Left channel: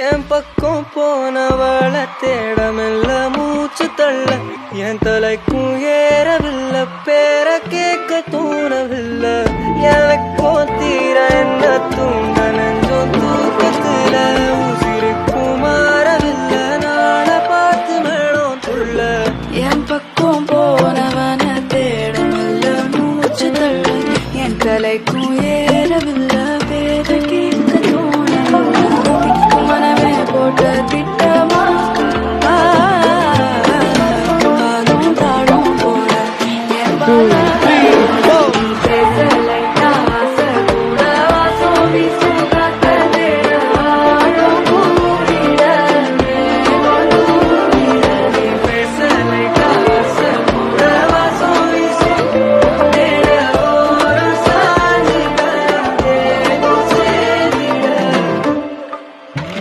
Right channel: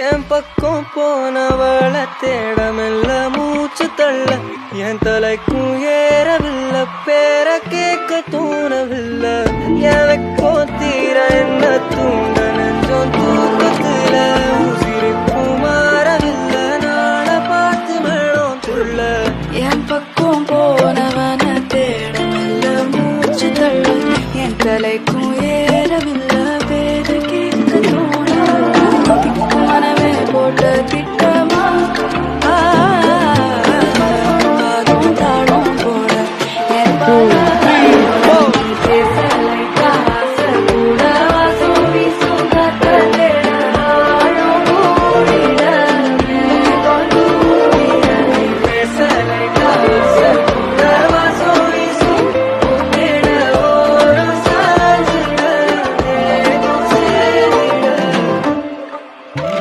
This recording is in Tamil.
என் பக்கம் போனவளை தேடமில்ல மூச்சு தள்ள என் தலைக்கும் ஏறவில்லை பேர கேட்க தூணவில்லை எனக்கும் தீர என்ன தூண்ட நெஞ்சம் தூக்கத்துல உசிருக்கும் மாறவில்லை நாளை பார்த்து மேளம் துள்ள என் பக்கம் போனவன தேடமில்ல மூச்சு தள்ள என் தலைக்கும் ஏறவில்லை